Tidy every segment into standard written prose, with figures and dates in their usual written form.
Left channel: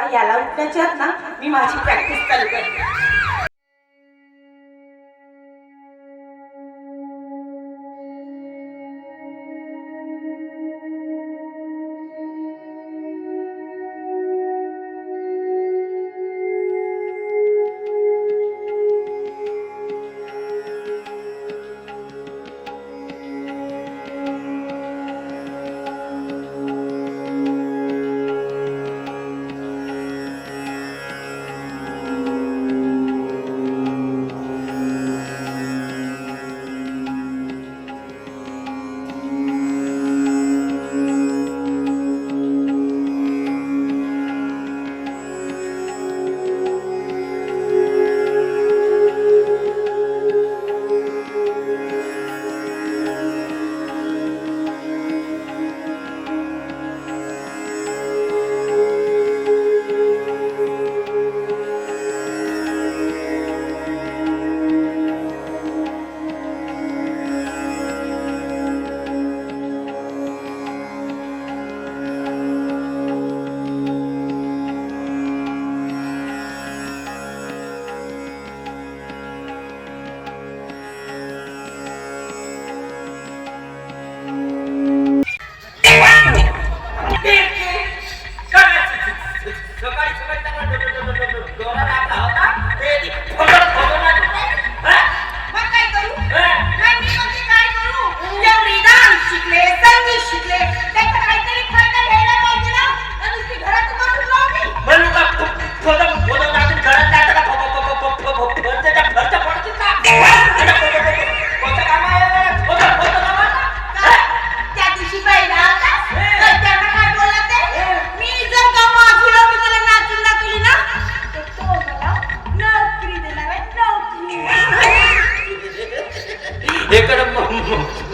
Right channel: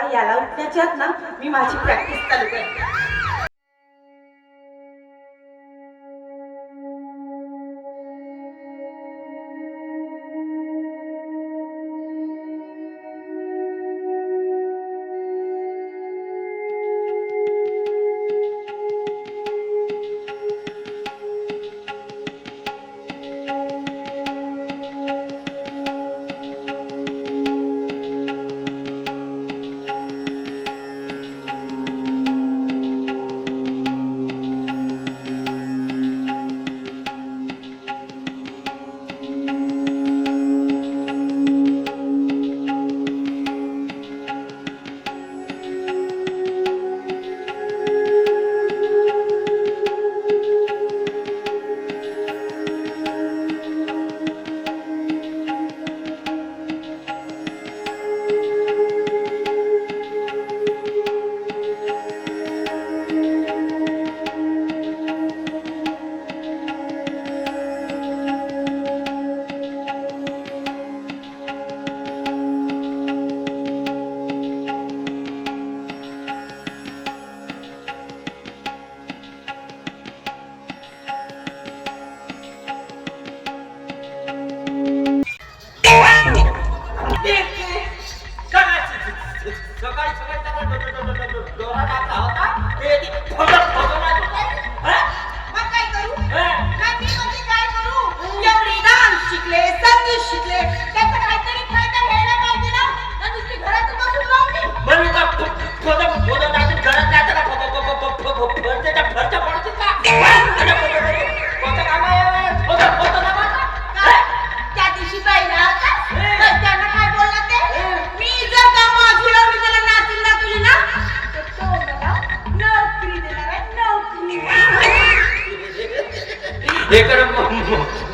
तेव्हा याला उठण्याच्या आत ना मी माझी प्रॅक्टिस चालू करते.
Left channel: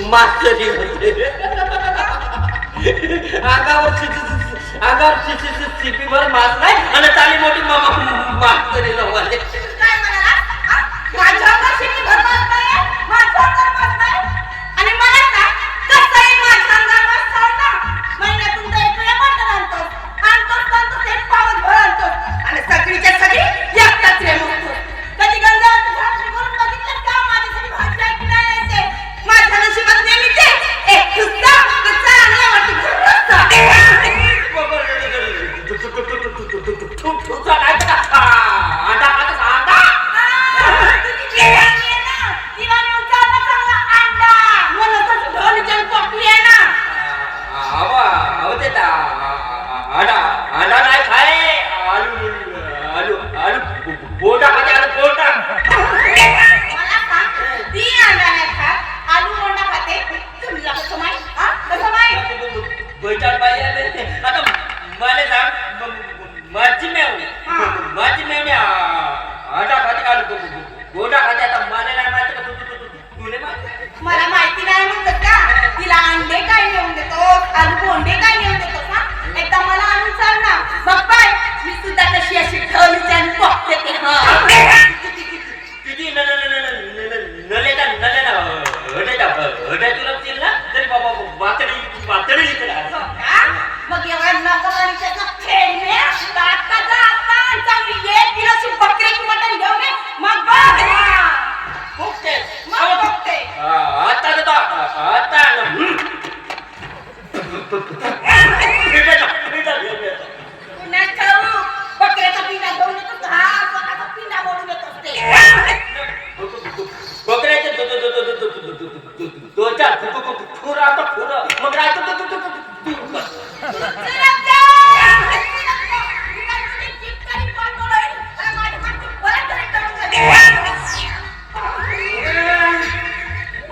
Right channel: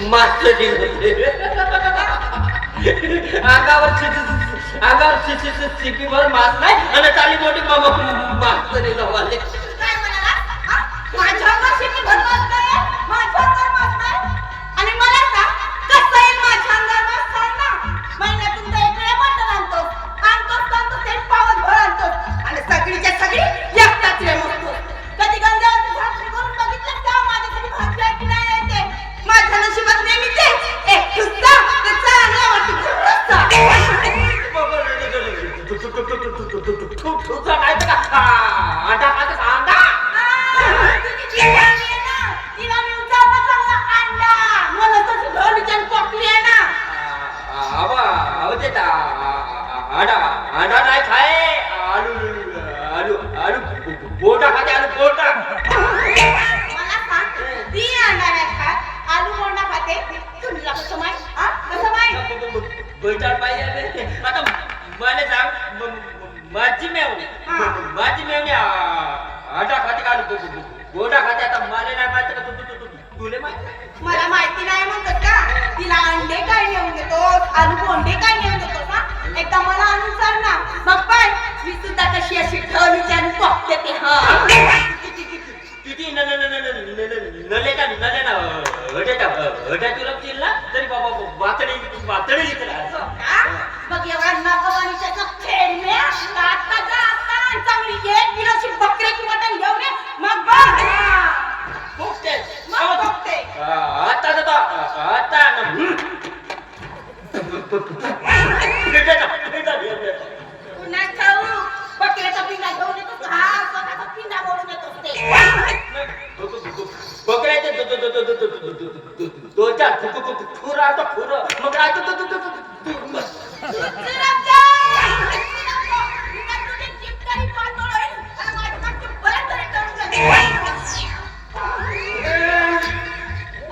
मास्टरी होते अंगावर शिपीभर मास नाही आणि चाली मोठी मास्तरी लावले. मला माहिती नाही म्हणतात का तिला अंडे काय नेऊन देतो आलू बोंडे काय नेऊन देतो ना एकदा मला आणून सांग ना मग काय मी सुद्धा कशी अशी ठेवली आणि बघते की किती नलेला तुला ना तरी बाबा वातडी मग एवढा नकोवाणीचा खेळ ने आता जा आता चांगली एक किलोची बकरीची मटण घेऊन ये मग बघ बकऱ्याचा पिंडा घेऊन येतो हा स्वतःचा पिंडा बोलून येत असते बकऱ्याचे दोन चार फुर आता फुर मग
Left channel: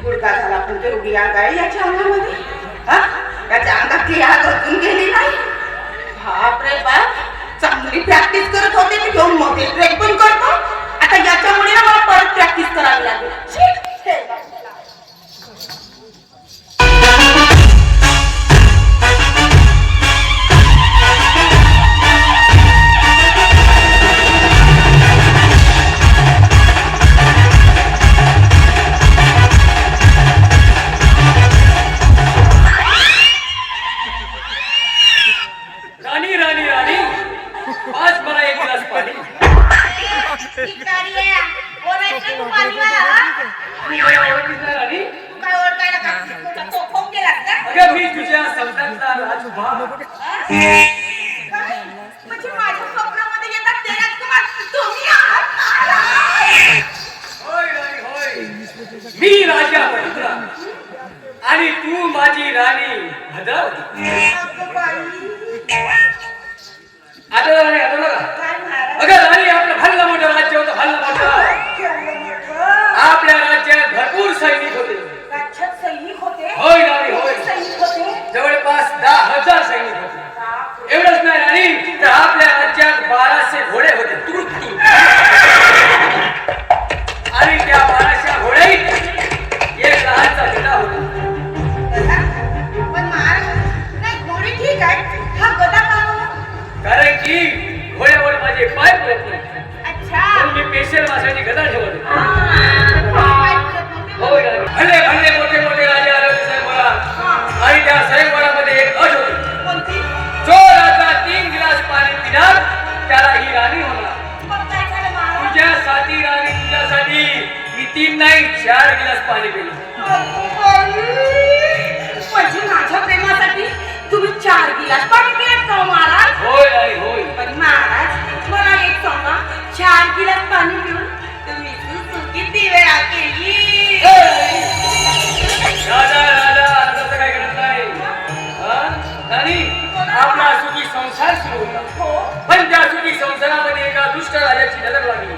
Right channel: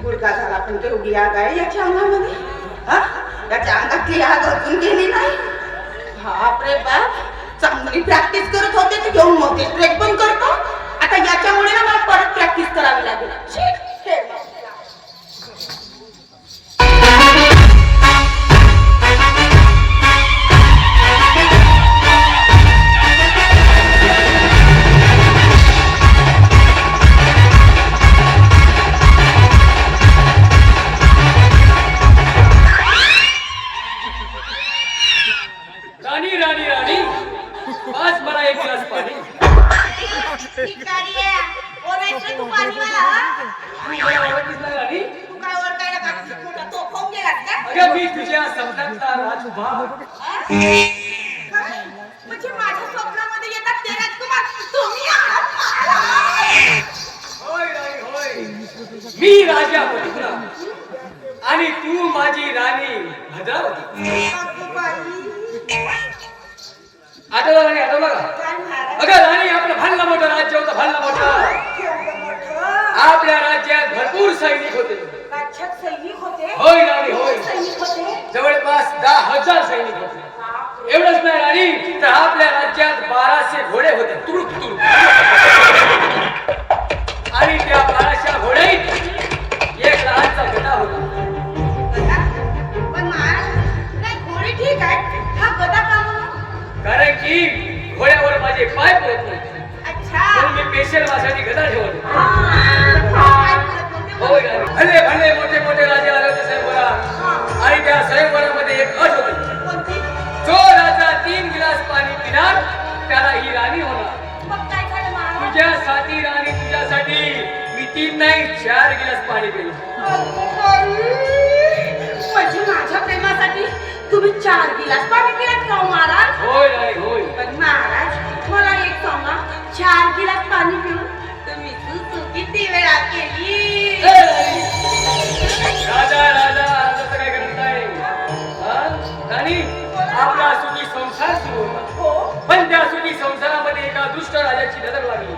गुडका झाला पण केवढी आग आहे याच्या अंगामध्ये याच्या अंगातली आग अजून गेली नाही. बापरे बाप चांगली प्रॅक्टिस करत होते मी घेऊन मोठे ब्रेक पण करतो आता याच्यामुळे ना मला परत प्रॅक्टिस करावी लागेल. राणी काय? म्हणजे माझ्या स्वप्नामध्ये येतात ते राजकुमार तुम्ही आहात महाराज. होय राणी होय, मी राजा बटुकरा आणि तू माझी राणी भद्रावती. अगं बाई. आठवलं नाही, आठवलं का? काय महाराज? अगं राणी, आपलं भल्ला मोठं राज्य होतं, भल्ला मोठं. केवढं मोठं. आपल्या राज्यात भरपूर सैनिक होते. राज्यात सैनिक होते. होय राणी होय, सैनिक होते. जवळपास 10,000 सैनिक होते. एवढंच नाही राणी, तर आपल्या राज्यात 1200 घोडे होते, तुडुक तुडुक. आणि त्या 1200 घोड्यात एक लहानसा गधा होता. गदा? पण महाराज नाही घोडी ठीक आहे. हा गदा का म्हणून? कारण की घोड्यावर माझे पाय पुरत नाही, अच्छा. म्हणून मी पेशल मासाची गदा ठेवत होतो. काय करत नव्हते? होय राणी, भले भले मोठे मोठे राजे आले होते स्वयंवरात. आणि त्या स्वयंवरामध्ये एक अट होती, कोणती? जो राजा 3 गिलास पाणी पिणार त्याला ही राणी होणार. मग काय झालं महाराज? तुझ्यासाठी राणी, तुझ्यासाठी मी 3 नाही 4 गिलास पाणी पिलं. म्हणजे माझ्या प्रेमासाठी तुम्ही 4 गिलास पाणी पिलात का हो महाराज? होय राणी होय. पण महाराज मला एक सांगा, 4 गिलास पाणी पिऊन तुम्ही सुसू किती वेळा केली? राजा राजा असं काय करत नाही. हा? राणी, आपला सुखी संसार सुरू होता. हो. पण त्या सुखी संसारामध्ये एका दुष्ट राजाची नजर लागली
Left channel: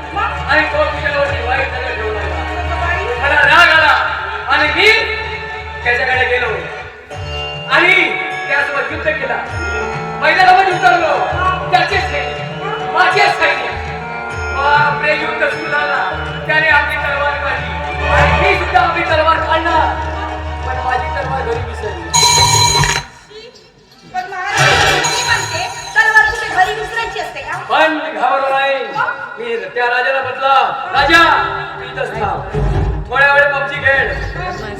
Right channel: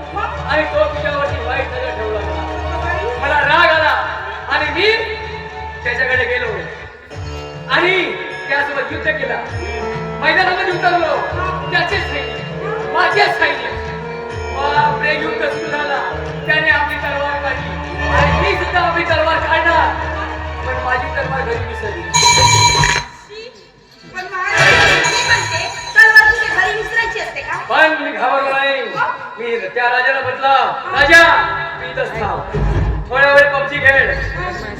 आणि तो तुझ्यावरती वाईट नजर ठेवू लागला. मला राग आला आणि मी त्याच्याकडे गेलो आणि त्यासोबत युद्ध केला. मैदानामध्ये उतरलो. त्याचे सैनिक, माझे सैनिक. बापरे, युद्ध सुरू झाला. त्याने आपली तलवार काढली आणि मी सुद्धा आपली तलवार काढणार, पण माझी तलवार घरी विसरली. पण महाराज मी म्हणते तलवार तुझ्या घरी विसरायची असते का? पण मी घाबरलो नाही. मी त्या राजाला म्हटलं, राजा तू इथंच थांब, थोड्या वेळ पबजी खेळ.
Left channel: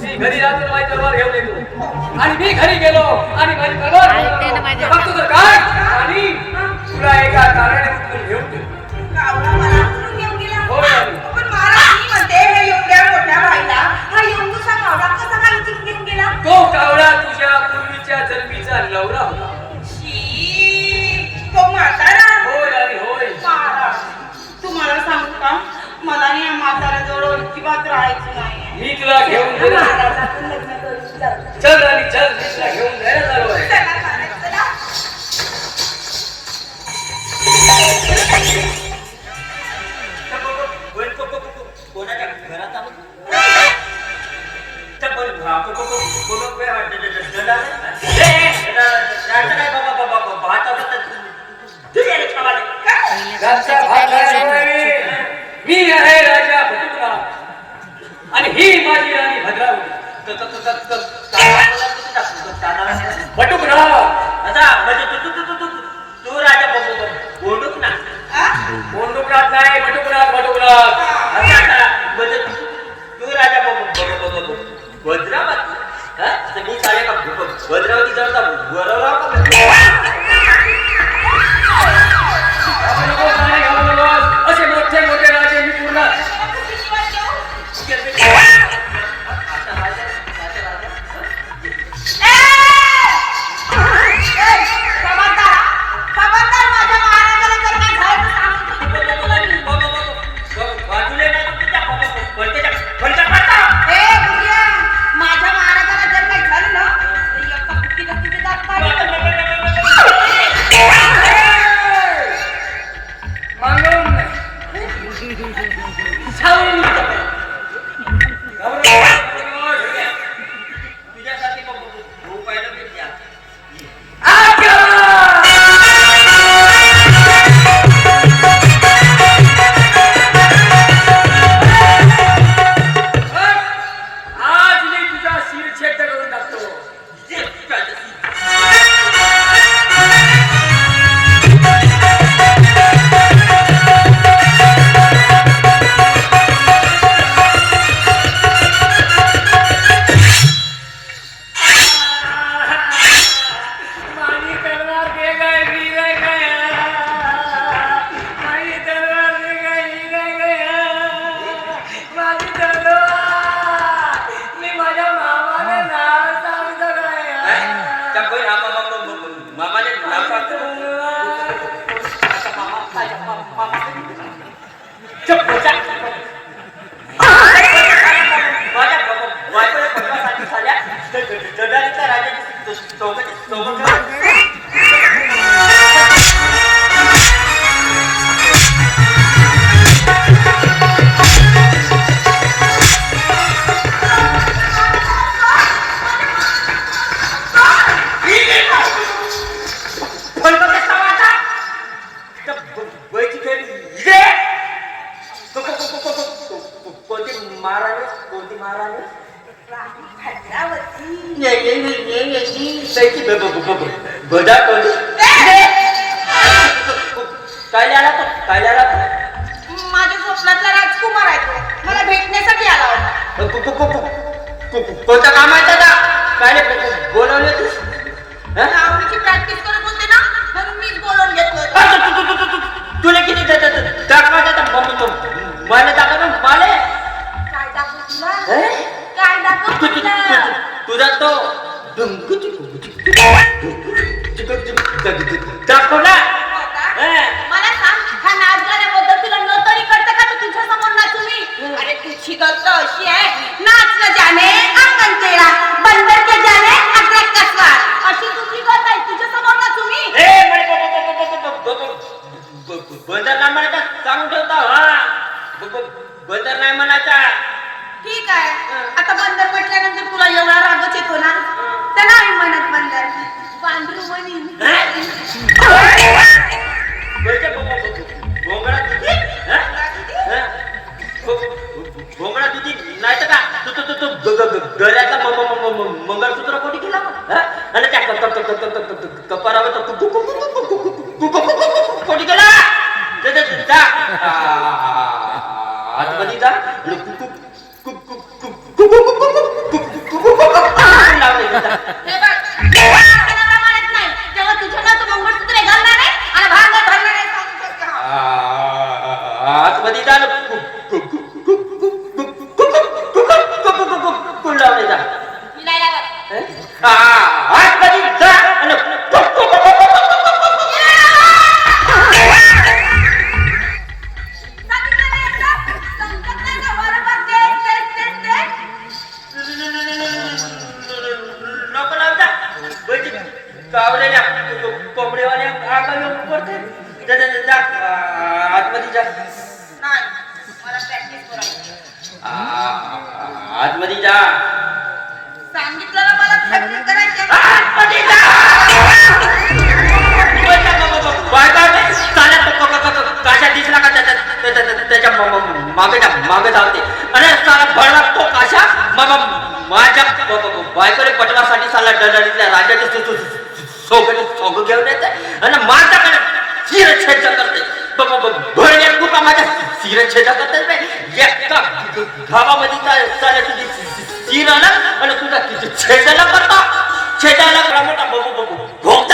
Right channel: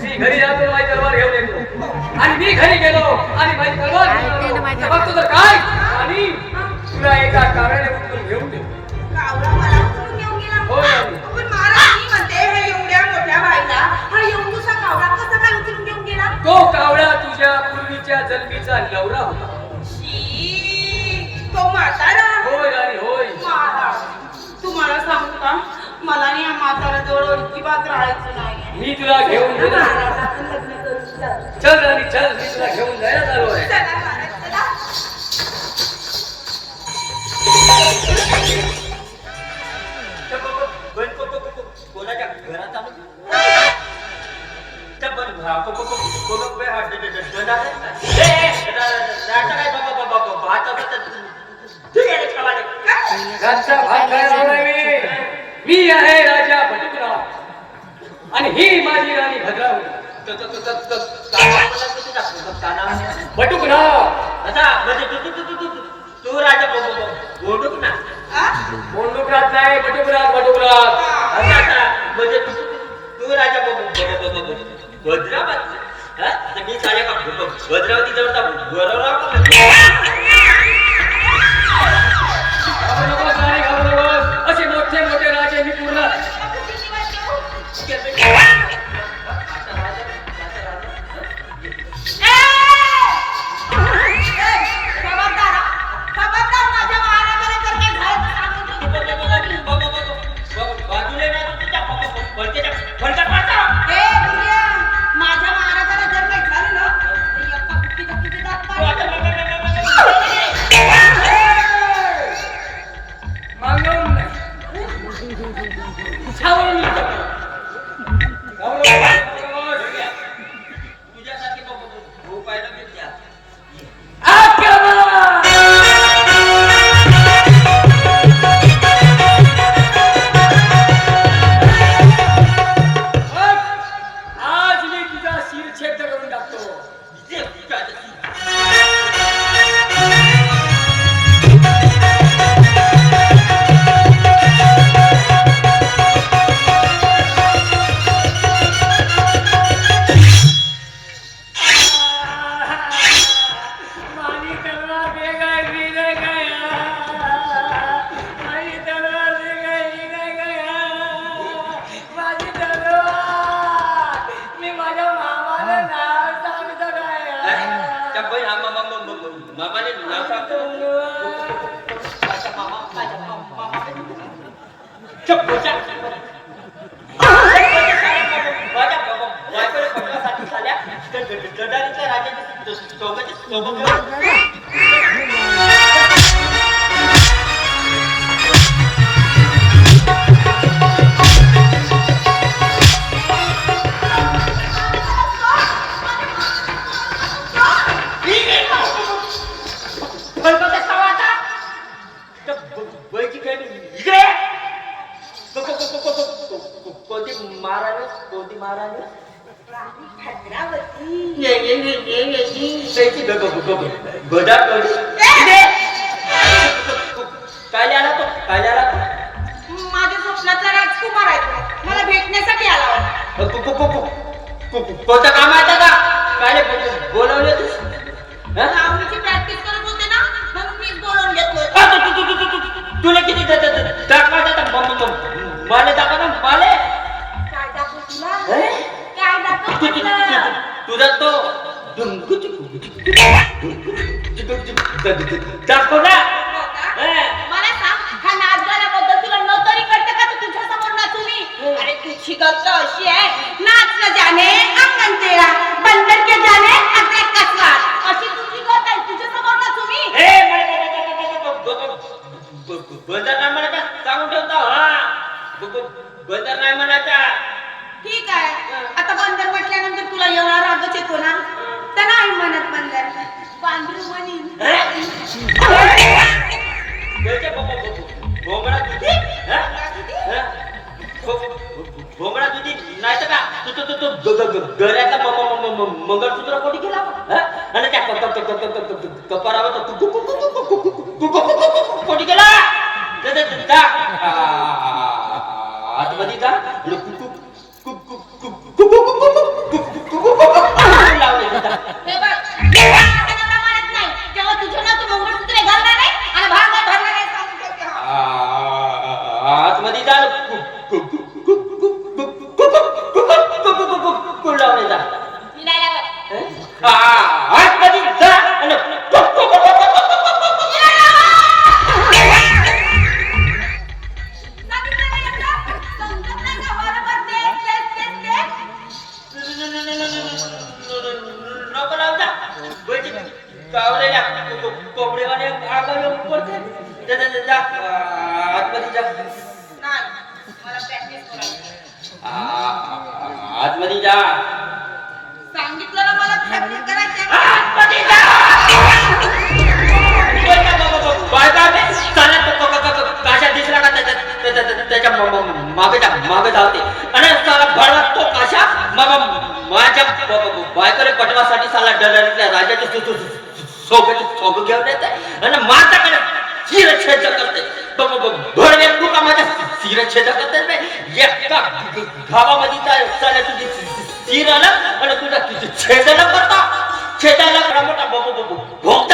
मी घरी जातो, माझी तलवार घेऊन येतो. आणि मी घरी गेलो आणि माझी तलवार बघतो तर काय, आणि तुला एका कारणे उचलून घेऊन गेलो. कावळा मला उचलून घेऊन गेला. होय. पण महाराज मी म्हणते हे एवढ्या मोठ्या बाईला हा एवढूसा कावळा कसा काय उचलून घेऊन गेला? तो कावळा तुझ्या पूर्वीच्या जन्मीचा नवरा होता. शी, तो म्हातारा. होय राणी होय. महाराज तुम्हाला सांगू का, मला आणि या म्हाताऱ्याजवळ अजिबात राहायचं नाहीये. मी तुला घेऊन गेलो. महाराज, आपण लग्न करू. चल. चल राणी चल, मी तुला घेऊन जायला आलो आहे. चला महाराज, चला. कोणाच्या घरात आहोत? त्या पण घरचा भात खायला नाही. मी आहे राजा बटुकरा आणि ही माझी राणी भद्रावती. बटुकरा तू राजा बोलूच ना. हा? बोंडुकरात नाही, बटुकरात बटुकरात. म्हणजे तू राजा भद्रावती. मी साडे का भद्रावती जवळचा गोरवराव का असे मोठे मोठे राजे मी तुला माझ्या महाराजाला जर काही झालं ना तर एका कुठे दात पाडणार. माझ्या बायकोला पटवासाठी झाल्या जडालीच्या राजाची सोबत कोणती महाराज काय आला तो काय आला माझ्या स्वप्नातला राजकुमार आहे तो. मला भेटण्यासाठी आला होता. कोणतं काम आहे दादा काय बोलवले तू लावणीची प्रॅक्टिस करत होते ना म्हणून मीच बोलवून घेतलं. तुला किती दाखवा मला दाखवा माले काय दाखवू तुला? काय दाखवू तुला? तुझा तो दाखव ना मला सांग हा नाच गाण्याबद्दल तुला नोकरी करतं का तर तुझ्या समोर नाचू मी? अरे तुझी गत अशी आहे नाच न जाने अंगण तेरा बंदर के जाने अद्रक का स्वाद अशी तुझी गत आहे तुझ्या समोर नाचू मी? बंदर नाही म्हणायचा सांगून ठेवता हा बंदर नाही म्हणायचा ठीक आहे आता बंदर म्हटल्यानंतर तुला एवढा रागच येतो ना तर नाही म्हणत बंदर पांढरू म्हणीन. भोंगळा तुझी नाही तर का गळ्यातला मंगळसूत्र कोणी केला आणि त्या कपारावर कोणी केला आतमध्ये जा हे बघ, जेव्हा आपल्याला माहित नाही, तेव्हा तुझ्या ना तू मंगळसूत्र घालणार आहे आणि भांगर भरणार आहे सांगू शकते हा. आतमध्ये जा कुल लावले जा हिलायला बघ. आतमध्ये जा सांगितलं नाही एकदा? समजत नाही का? वारंवार तेच. नको लाव जा कावलेल्या कोंबडेवाले आगं येऊन पडते जा आतमध्ये जा नाही, मला practice करायची. आतमध्ये जा सांगितलं ना मला practice करायची आहे. आतमध्ये जा काशा दिसला का त्याच्या मागे धावते आणि साला भरत तो काशा माझ्या बायकोले पटवासाठी साला डरडीतल्या राजाचे सोंग घेऊन येते आणि माझ्याकडे शिरछेद करते भरण्या तुका माझ्या शिरछेद करते एका गावामध्ये साला तुझी शिर आला आणि तुझा छेदाला करतो छेदाला मोठा